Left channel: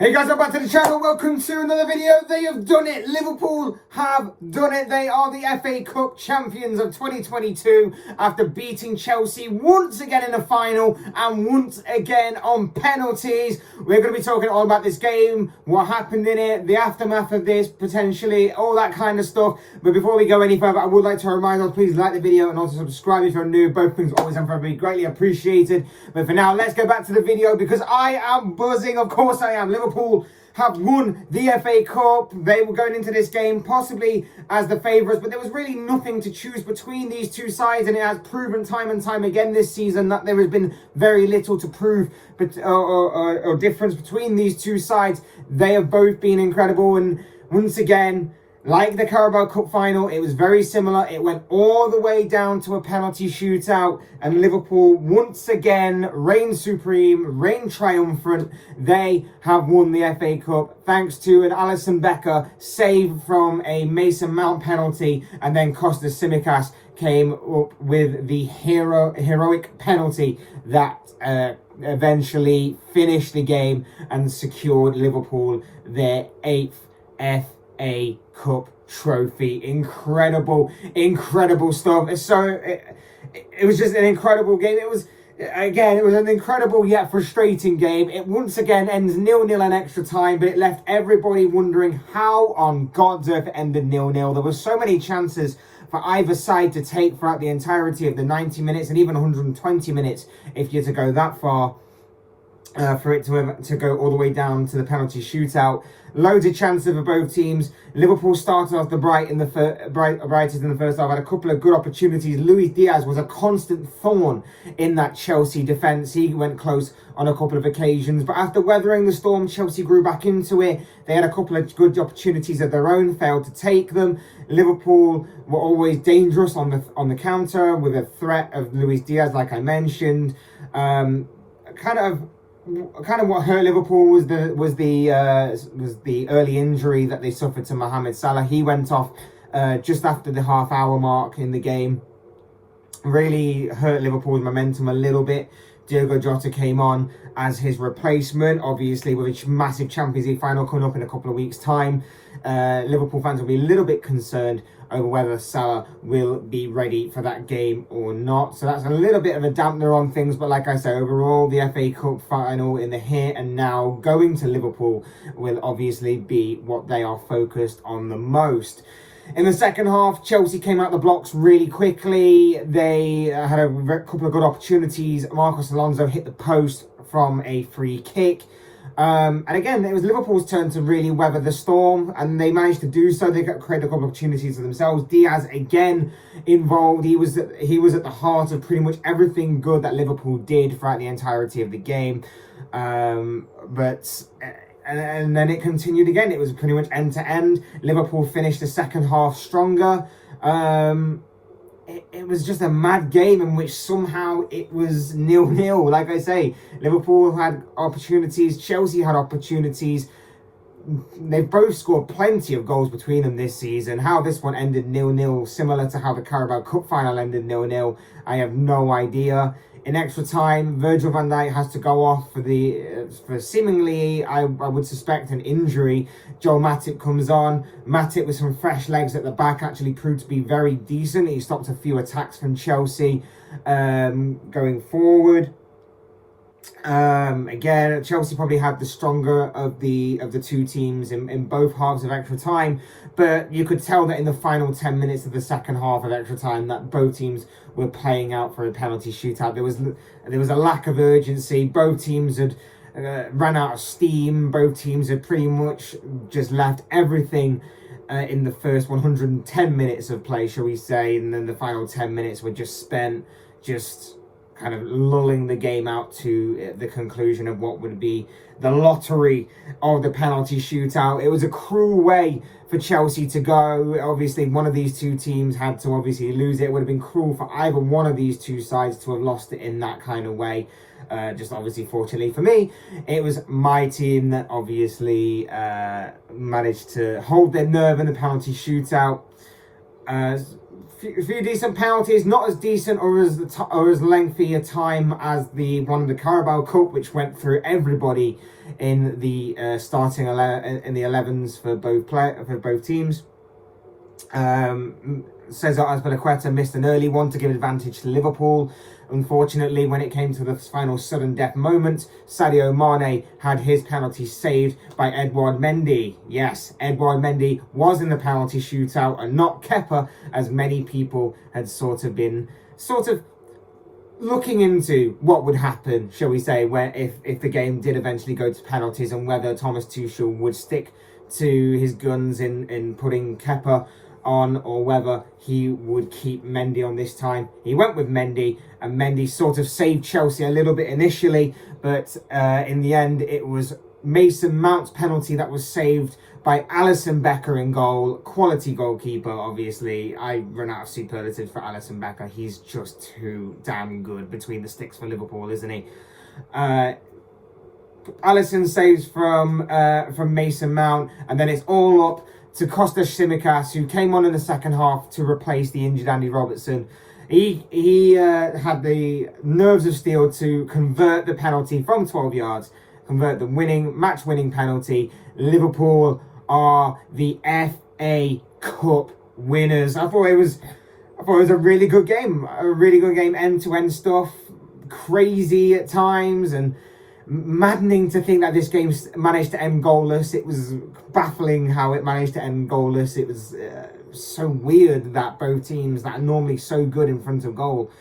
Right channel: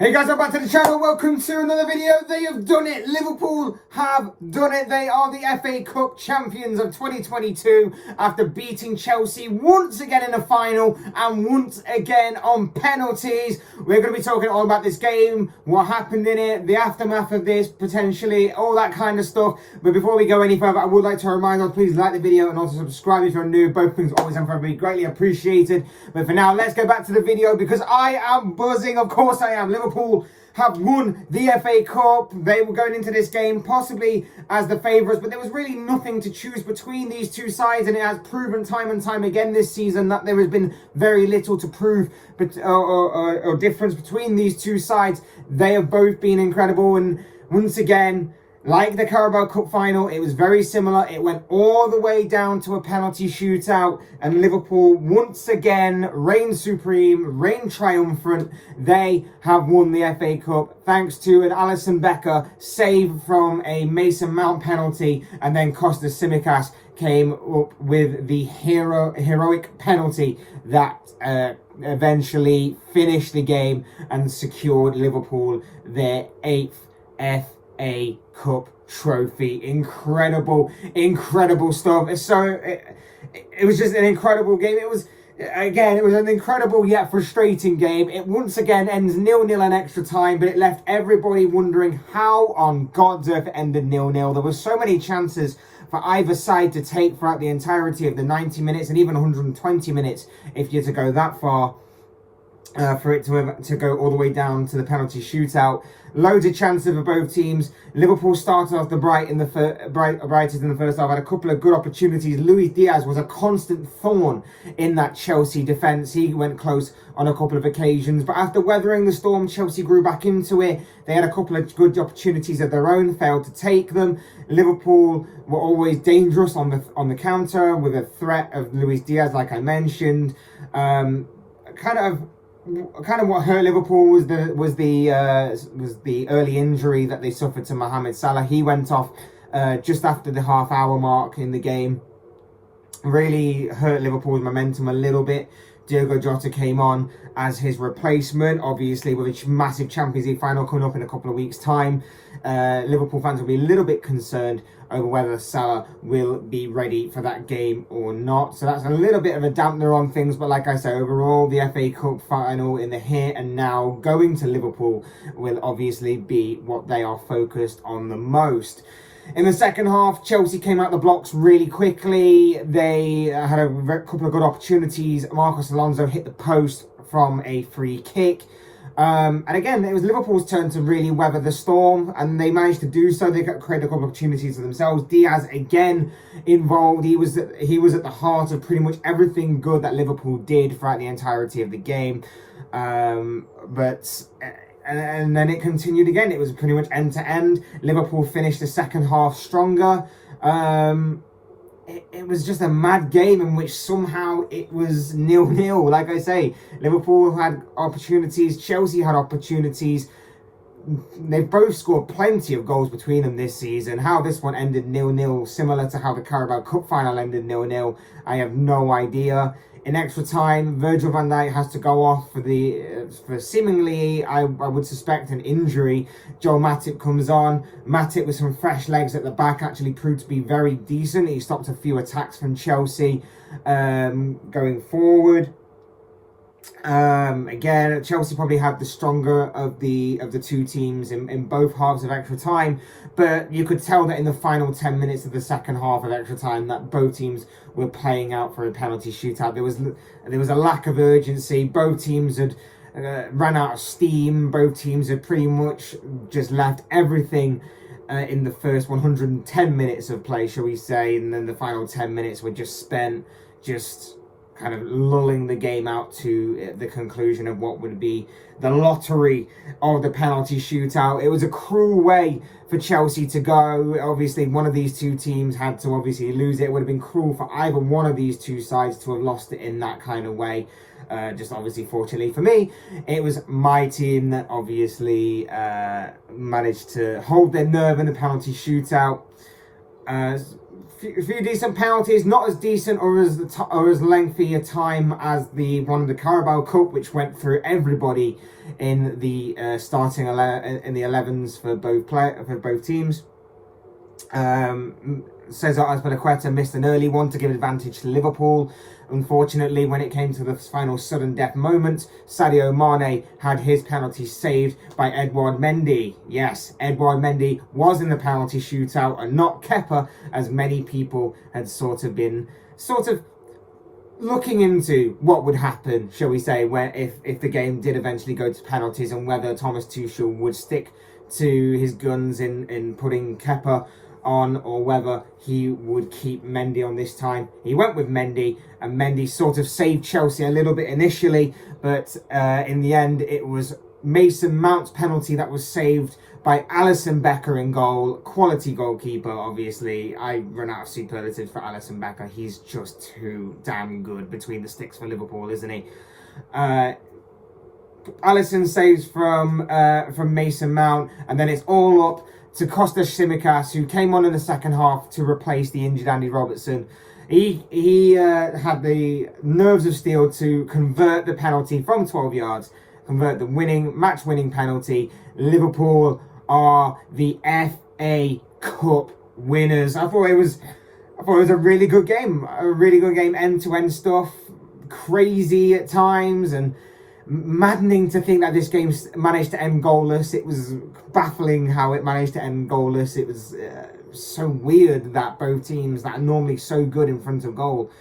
Hey guys, welcome back to the channel. Welcome to another video. They have done it. Liverpool have done it. They are the FA Cup champions of 2022 after beating Chelsea once again in the final and once again on penalties. We're going to be talking all about this game, what happened in it, the aftermath of this, potentially, all that kind of stuff. But before we go any further, I would like to remind us, please like the video and also subscribe if you're new. Both things always and forever be greatly appreciated. But for now, let's go back to the video because I am buzzing. Of course I am. Liverpool have won the FA Cup. They were going into this game possibly as the favourites, but there was really nothing to choose between these two sides, and it has proven time and time again this season that there has been very little to prove or difference between these two sides. They have both been incredible, and once again, like the Carabao Cup final, it was very similar. It went all the way down to a penalty shootout, and Liverpool once again reigned supreme, reigned triumphant. They have won the FA Cup thanks to an Alisson Becker save from a Mason Mount penalty, and then Kostas Tsimikas came up with the heroic penalty that eventually finished the game and secured Liverpool their 8th FA Cup trophy. Incredible stuff. It was just an incredible game. It was an incredible yet frustrating game. It once again ends 0-0 in extra time, but it left everybody wondering how on God's earth it ended 0-0. There were so many chances for either side to take throughout the entirety of the 90 minutes and even 120 minutes if you're to go that far. For it to go all the way down to the penalty shootout. Loads of chances for both teams. Liverpool started off the brightest in the first half, had a couple of good opportunities. Luis Diaz was a constant thorn in that Chelsea defence. He went close on a couple of occasions, but after weathering the storm, Chelsea grew back into it. They had a couple of good opportunities of their own, failed to take them. Liverpool were always dangerous on the counter with a threat of Luis Diaz, like I mentioned. Kind of what hurt Liverpool was the early injury that they suffered to Mohamed Salah. He went off just after the half-hour mark in the game. Really hurt Liverpool's momentum a little bit. Diogo Jota came on as his replacement, obviously with a massive Champions League final coming up in a couple of weeks' time. Liverpool fans will be a little bit concerned over whether Salah will be ready for that game or not. So that's a little bit of a dampener on things. But like I say, overall, the FA Cup final in the here and now, going to Liverpool, will obviously be what they are focused on the most. In the second half, Chelsea came out the blocks really quickly. They had a couple of good opportunities. Marcos Alonso hit the post from a free kick. And again, it was Liverpool's turn to really weather the storm, and they managed to do so. They created a couple of opportunities for themselves. Diaz again involved. He was at the heart of pretty much everything good that Liverpool did throughout the entirety of the game. And then it continued again. It was pretty much end to end. Liverpool finished the second half stronger. It was just a mad game in which somehow it was 0-0. Like I say, Liverpool had opportunities, Chelsea had opportunities. They've both scored plenty of goals between them this season. How this one ended 0-0, similar to how the Carabao Cup final ended 0-0, I have no idea. In extra time, Virgil van Dijk has to go off for seemingly, I would suspect, an injury. Joel Matip comes on. Matip with some fresh legs at the back actually proved to be very decent. He stopped a few attacks from Chelsea going forward. Again, Chelsea probably had the stronger of the two teams in both halves of extra time, but you could tell that in the final 10 minutes of the second half of extra time that both teams were playing out for a penalty shootout. There was a lack of urgency. Both teams had ran out of steam. Both teams had pretty much just left everything in the first 110 minutes of play, shall we say, and then the final 10 minutes were just spent just kind of lulling the game out to the conclusion of what would be the lottery of the penalty shootout. It was a cruel way for Chelsea to go. Obviously, one of these two teams had to obviously lose it. It would have been cruel for either one of these two sides to have lost it in that kind of way. Just obviously, fortunately for me, it was my team that obviously managed to hold their nerve in the penalty shootout. A few decent penalties, not as decent or as lengthy a time as the one of the Carabao Cup, which went through everybody in the starting in the 11s for both teams. Cesar Azpilicueta missed an early one to give advantage to Liverpool. Unfortunately, when it came to the final sudden death moment, Sadio Mane had his penalty saved by Edouard Mendy. Yes, Edouard Mendy was in the penalty shootout and not Kepa, as many people had been looking into what would happen, shall we say, where if the game did eventually go to penalties, and whether Thomas Tuchel would stick to his guns in putting Kepa on, or whether he would keep Mendy on this time. He went with Mendy, and Mendy sort of saved Chelsea a little bit initially, but in the end it was Mason Mount's penalty that was saved by Alisson Becker in goal. Quality goalkeeper, obviously. I run out of superlatives for Alisson Becker. He's just too damn good between the sticks for Liverpool, isn't he? Alisson saves from Mason Mount, and then it's all up to Kostas Tsimikas, who came on in the second half to replace the injured Andy Robertson. He had the nerves of steel to convert the penalty from 12 yards, convert the match-winning penalty. Liverpool are the FA Cup winners. I thought it was a really good game, end-to-end stuff, crazy at times, and maddening to think that this game managed to end goalless. It was baffling how it managed to end goalless. It was so weird that both teams that are normally so good in front of goal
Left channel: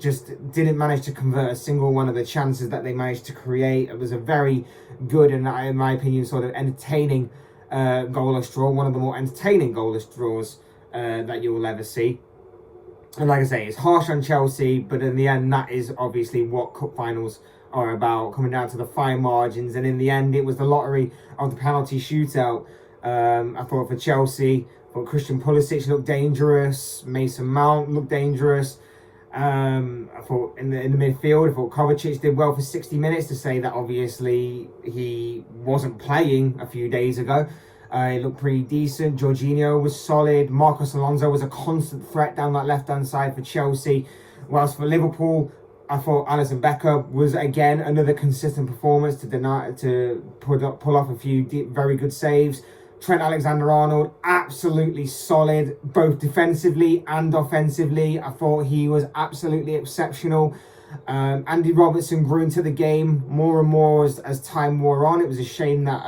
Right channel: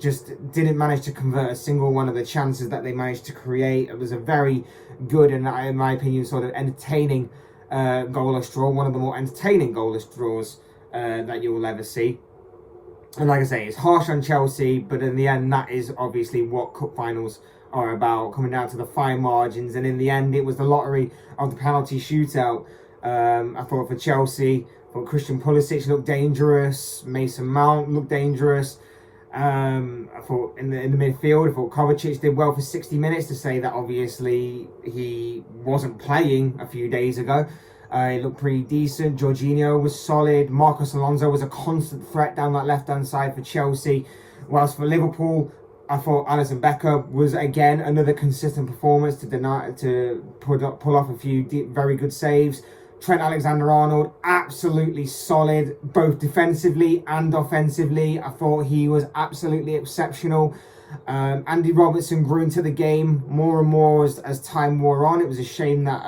just didn't manage to convert a single one of the chances that they managed to create. It was a very good and, in my opinion, sort of entertaining goalless draw. One of the more entertaining goalless draws that you will ever see. And like I say, it's harsh on Chelsea, but in the end, that is obviously what cup finals are about, coming down to the fine margins. And in the end, it was the lottery of the penalty shootout. I thought for Chelsea, I thought Christian Pulisic looked dangerous, Mason Mount looked dangerous. I thought in the midfield, I thought Kovacic did well for 60 minutes, to say that obviously he wasn't playing a few days ago. He looked pretty decent. Jorginho was solid. Marcos Alonso was a constant threat down that left-hand side for Chelsea. Whilst for Liverpool, I thought Alisson Becker was again another consistent performance to pull off a few very good saves. Trent Alexander-Arnold, absolutely solid, both defensively and offensively. I thought he was absolutely exceptional. Andy Robertson grew into the game more and more as time wore on. It was a shame that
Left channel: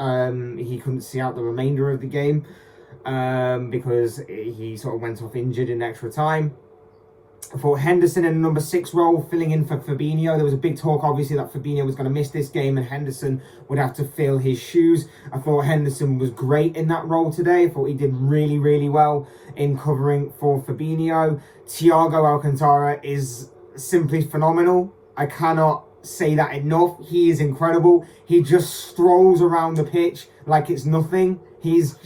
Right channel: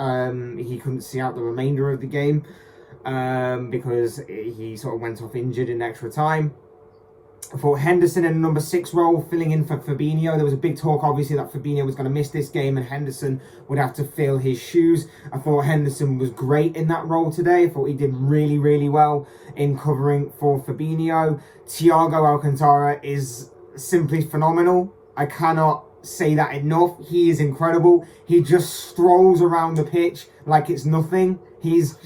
he couldn't see out the remainder of the game because he sort of went off injured in extra time. I thought Henderson in the number 6 role, filling in for Fabinho. There was a big talk, obviously, that Fabinho was going to miss this game and Henderson would have to fill his shoes. I thought Henderson was great in that role today. I thought he did really, really well in covering for Fabinho. Thiago Alcantara is simply phenomenal. I cannot say that enough. He is incredible. He just strolls around the pitch like it's nothing. He's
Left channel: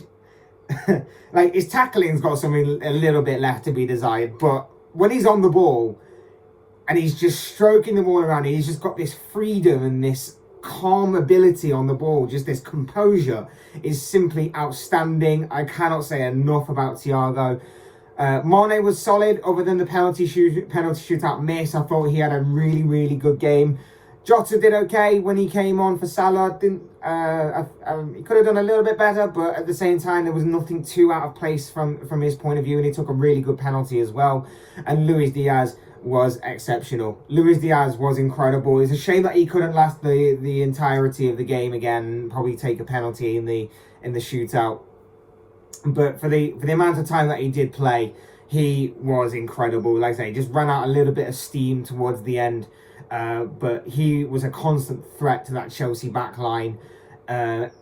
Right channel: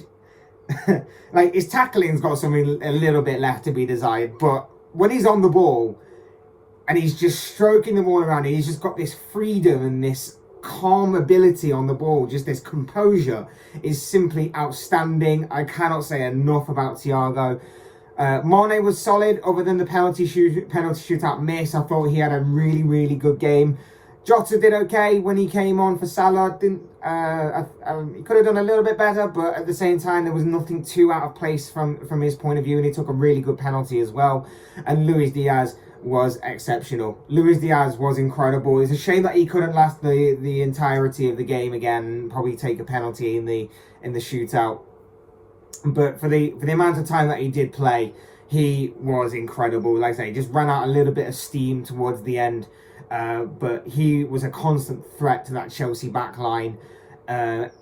like, his tackling's got something a little bit left to be desired, but when he's on the ball and he's just stroking the ball around, he's just got this freedom and this calm ability on the ball, just this composure is simply outstanding. I cannot say enough about Thiago. Mane was solid, other than the penalty shootout miss. I thought he had a really, really good game. Jota did okay when he came on for Salah. He could have done a little bit better, but at the same time, there was nothing too out of place from his point of view, and he took a really good penalty as well. And Luis Diaz was exceptional. Luis Diaz was incredible. It's a shame that he couldn't last the entirety of the game again, probably take a penalty in the shootout. But for the amount of time that he did play, he was incredible. Like I say, he just ran out a little bit of steam towards the end. But he was a constant threat to that Chelsea back line.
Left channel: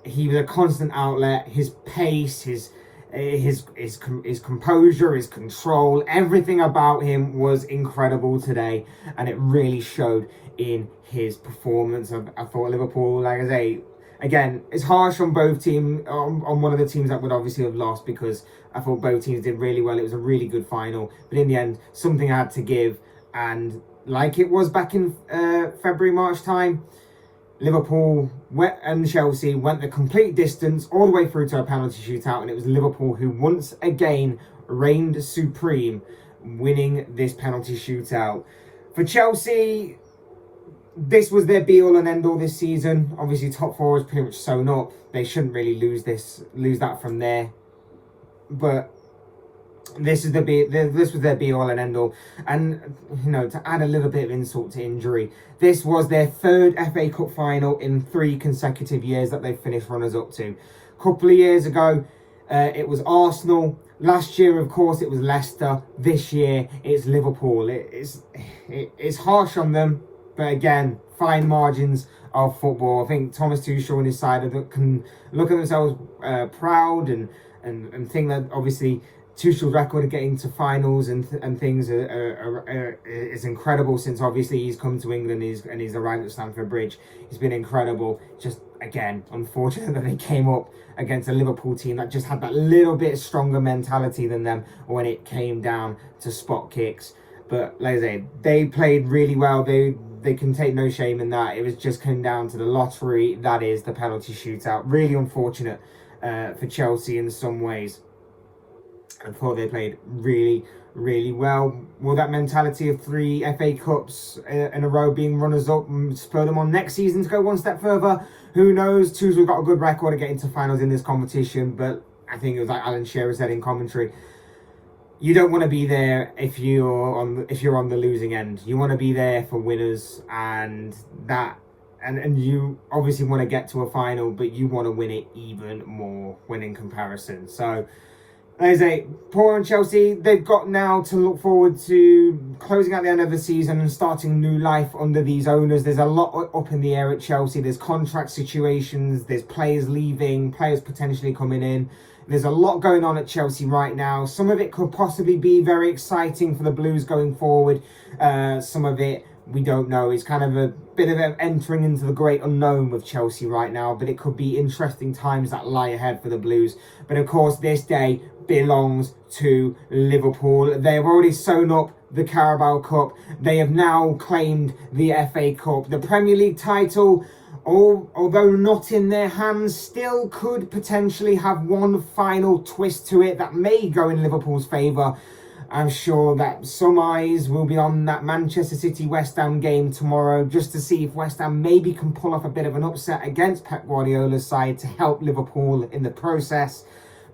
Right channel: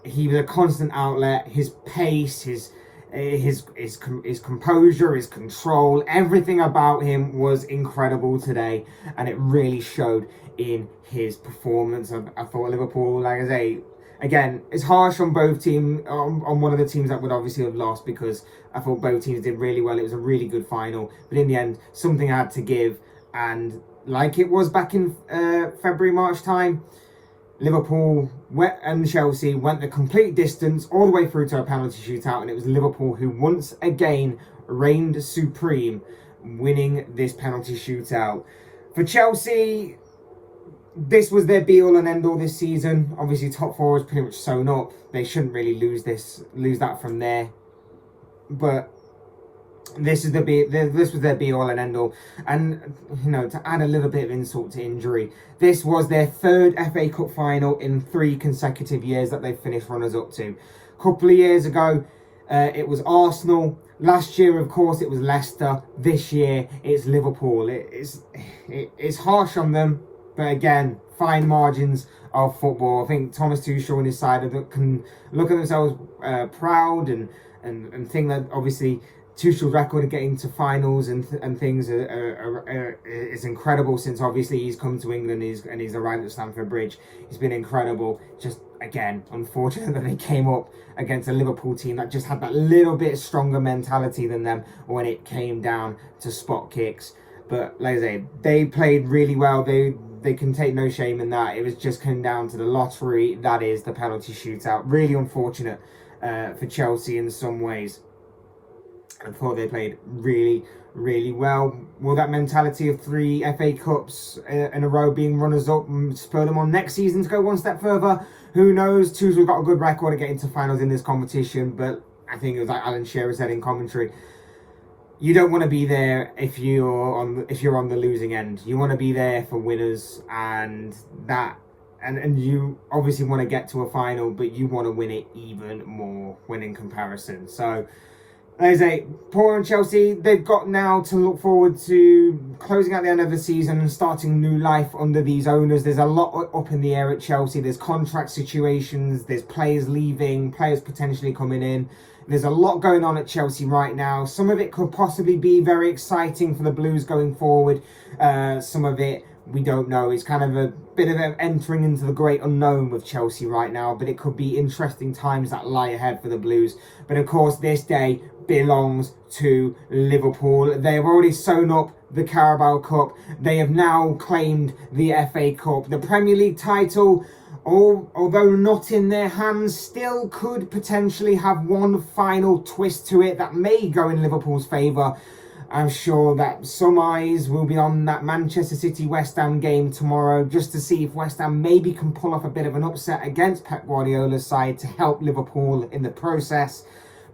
He was a constant outlet. His pace, his composure, his control, everything about him was incredible today, and it really showed in his performance. I thought Liverpool, like I say, again, it's harsh on both teams, on one of the teams that would obviously have lost, because I thought both teams did really well. It was a really good final, but in the end, something had to give, and like it was back in February, March time, Liverpool and Chelsea went the complete distance all the way through to a penalty shootout, and it was Liverpool who once again reigned supreme, winning this penalty shootout. For Chelsea, This was their be-all and end-all this season. Obviously, top four is pretty much sewn up. They shouldn't really lose that from there. But this was their be-all and end-all. And, you know, to add a little bit of insult to injury, this was their third FA Cup final in 3 consecutive years that they've finished runners-up to. A couple of years ago, it was Arsenal. Last year, of course, it was Leicester. This year, it's Liverpool. It's harsh on them. But again, fine margins of football. I think Thomas Tuchel and his side can look at themselves proud and think that obviously Tuchel's record of getting to finals and things is incredible since obviously he's come to England and he's arrived at Stamford Bridge. He's been incredible. Just again, unfortunate that they came up against a Liverpool team that just had that little bit stronger mentality than them when it came down to spot kicks. But like I say, they played really well. They can take no shame in that. It was just came down to the lottery, that is the penalty shootout. Really unfortunate for Chelsea in some ways. I thought they played really, really well. Will that mentality of 3 FA Cups in a row being runners-up spur them on next season to go one step further? Who knows? Tuchel's got a good record of getting to finals in this competition, but I think it was like Alan Shearer said in commentary, you don't want to be there if you're on the losing end. You want to be there for winners, and you obviously want to get to a final, but you want to win it even more when in comparison. So, as I say, poor on Chelsea, they've got now to look forward to closing out the end of the season and starting new life under these owners. There's a lot up in the air at Chelsea. There's contract situations, there's players leaving, players potentially coming in. There's a lot going on at Chelsea right now. Some of it could possibly be very exciting for the Blues going forward. Some of it, we don't know. It's kind of a bit of entering into the great unknown with Chelsea right now. But it could be interesting times that lie ahead for the Blues. But of course, this day belongs to Liverpool. They have already sewn up the Carabao Cup. They have now claimed the FA Cup. The Premier League title, although not in their hands, still could potentially have one final twist to it that may go in Liverpool's favour. I'm sure that some eyes will be on that Manchester City-West Ham game tomorrow just to see if West Ham maybe can pull off a bit of an upset against Pep Guardiola's side to help Liverpool in the process.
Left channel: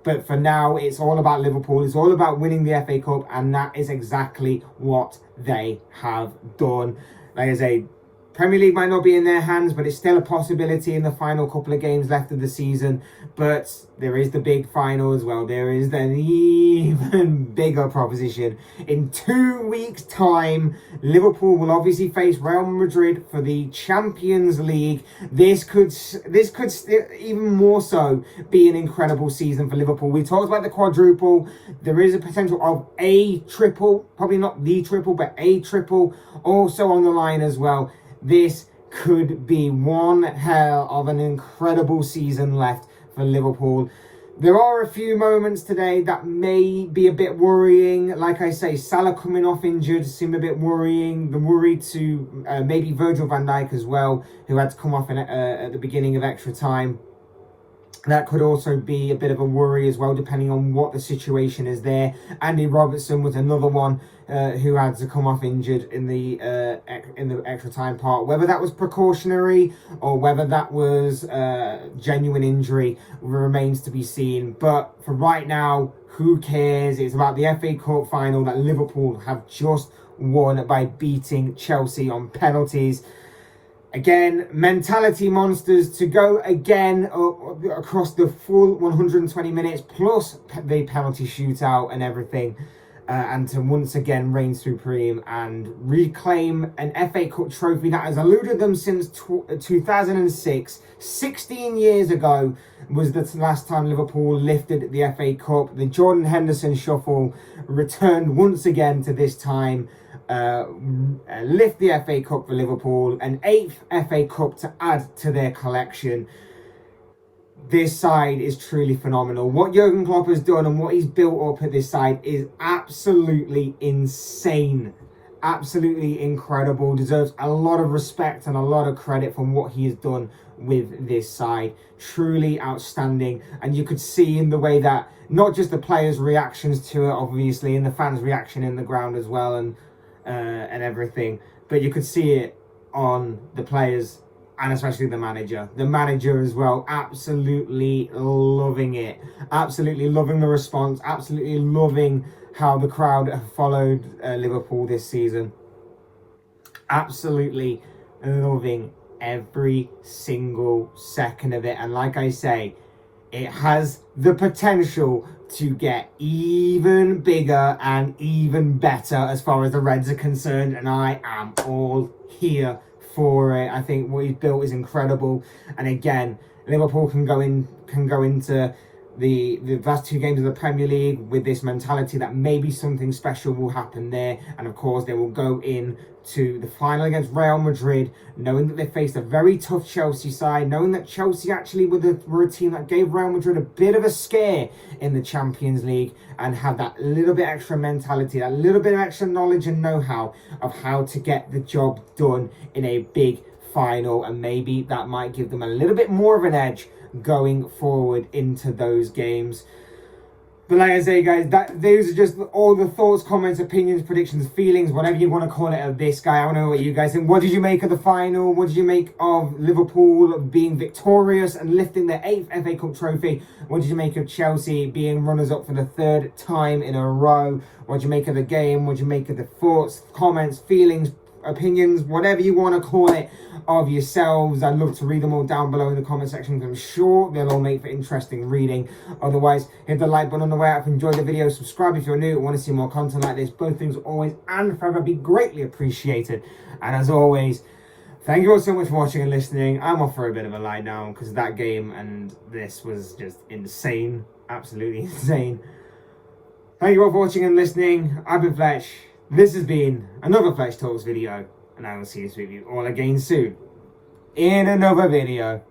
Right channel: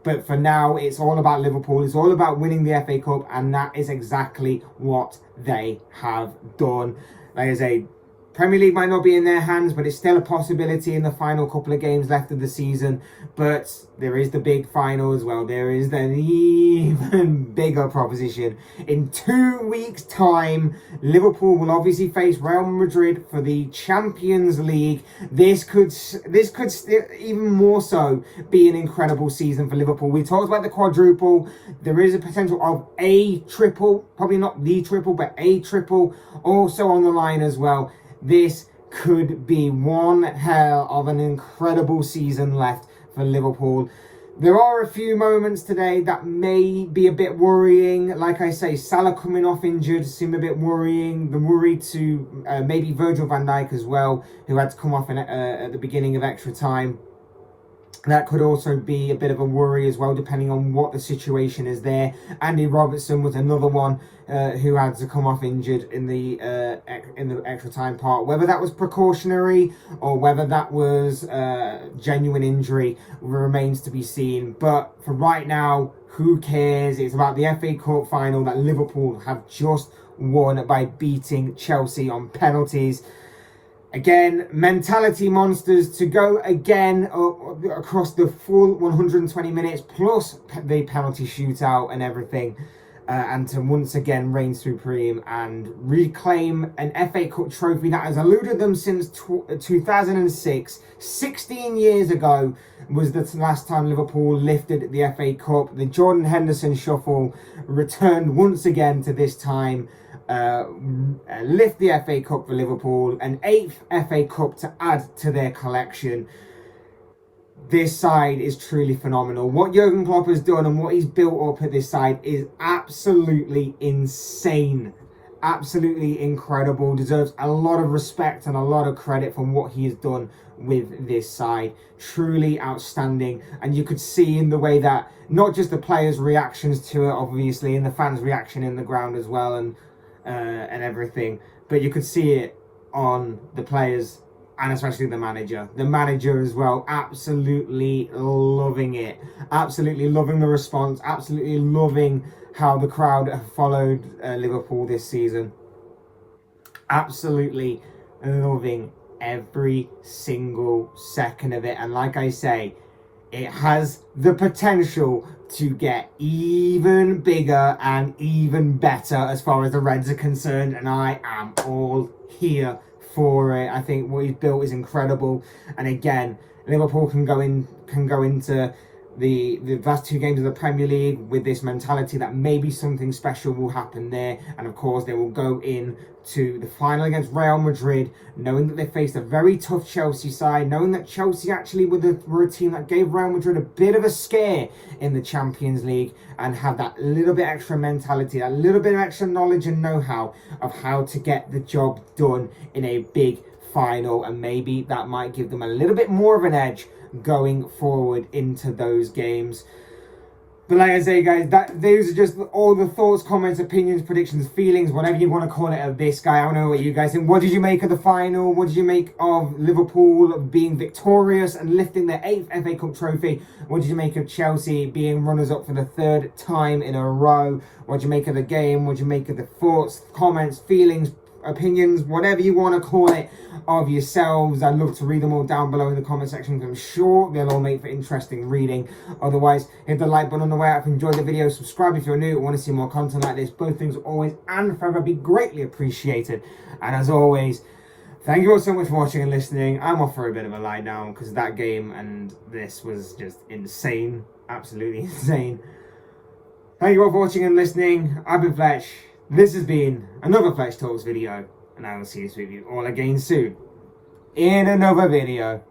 But for now, it's all about Liverpool. It's all about winning the FA Cup, and that is exactly what they have done. Like I say, Premier League might not be in their hands, but it's still a possibility in the final couple of games left of the season. But there is the big final as well. There is an even bigger proposition. In 2 weeks' time, Liverpool will obviously face Real Madrid for the Champions League. This could even more so be an incredible season for Liverpool. We talked about the quadruple. There is a potential of a triple, probably not the triple, but a triple also on the line as well. This could be one hell of an incredible season left for Liverpool. There are a few moments today that may be a bit worrying. Like I say, Salah coming off injured seemed a bit worrying. The worry to maybe Virgil van Dijk as well, who had to come off at the beginning of extra time. That could also be a bit of a worry as well, depending on what the situation is there. Andy Robertson was another one who had to come off injured in the extra time part. Whether that was precautionary or whether that was genuine injury remains to be seen. But for right now, who cares? It's about the FA Cup final that Liverpool have just won by beating Chelsea on penalties. Again, mentality monsters to go again across the full 120 minutes plus the penalty shootout and everything, and to once again reign supreme and reclaim an FA Cup trophy that has eluded them since 2006. 16 years ago was the last time Liverpool lifted the FA Cup. The Jordan Henderson shuffle returned once again to this time. Lift the FA Cup for Liverpool, an 8th FA Cup to add to their collection. This side is truly phenomenal. What Jurgen Klopp has done and what he's built up at this side is absolutely insane. Absolutely incredible. Deserves a lot of respect and a lot of credit for what he has done with this side. Truly outstanding. And you could see in the way that not just the players' reactions to it, obviously, and the fans' reaction in the ground as well, and everything, but you could see it on the players and especially the manager. The manager as well, absolutely loving it. Absolutely loving the response. Absolutely loving how the crowd have followed Liverpool this season. Absolutely loving every single second of it. And like I say, it has the potential to get even bigger and even better as far as the Reds are concerned. And I am all here for it. I think what he's built is incredible. And again, Liverpool can go into the last 2 games of the Premier League with this mentality that maybe something special will happen there. And of course, they will go in to the final against Real Madrid, knowing that they faced a very tough Chelsea side, knowing that Chelsea actually were a team that gave Real Madrid a bit of a scare in the Champions League, and have that little bit extra mentality, that little bit of extra knowledge and know-how of how to get the job done in a big final, and maybe that might give them a little bit more of an edge going forward into those games. But like I say, guys, those are just all the thoughts, comments, opinions, predictions, feelings, whatever you want to call it, of this guy. I don't know what you guys think. What did you make of the final? What did you make of Liverpool being victorious and lifting their 8th FA Cup trophy? What did you make of Chelsea being runners-up for the 3rd time in a row? What did you make of the game? What did you make of the thoughts, comments, feelings, opinions, whatever you want to call it, of yourselves? I'd love to read them all down below in the comment section. I'm sure they'll all make for interesting reading. Otherwise, hit the like button on the way out if you enjoyed the video. Subscribe if you're new and want to see more content like this. Both things always and forever be greatly appreciated. And as always, thank you all so much for watching and listening. I'm off for a bit of a lie down because that game and this was just insane. Absolutely insane. Thank you all for watching and listening. I've been Fletch. This has been another Fletch Talks video. And I will see you all again soon in another video.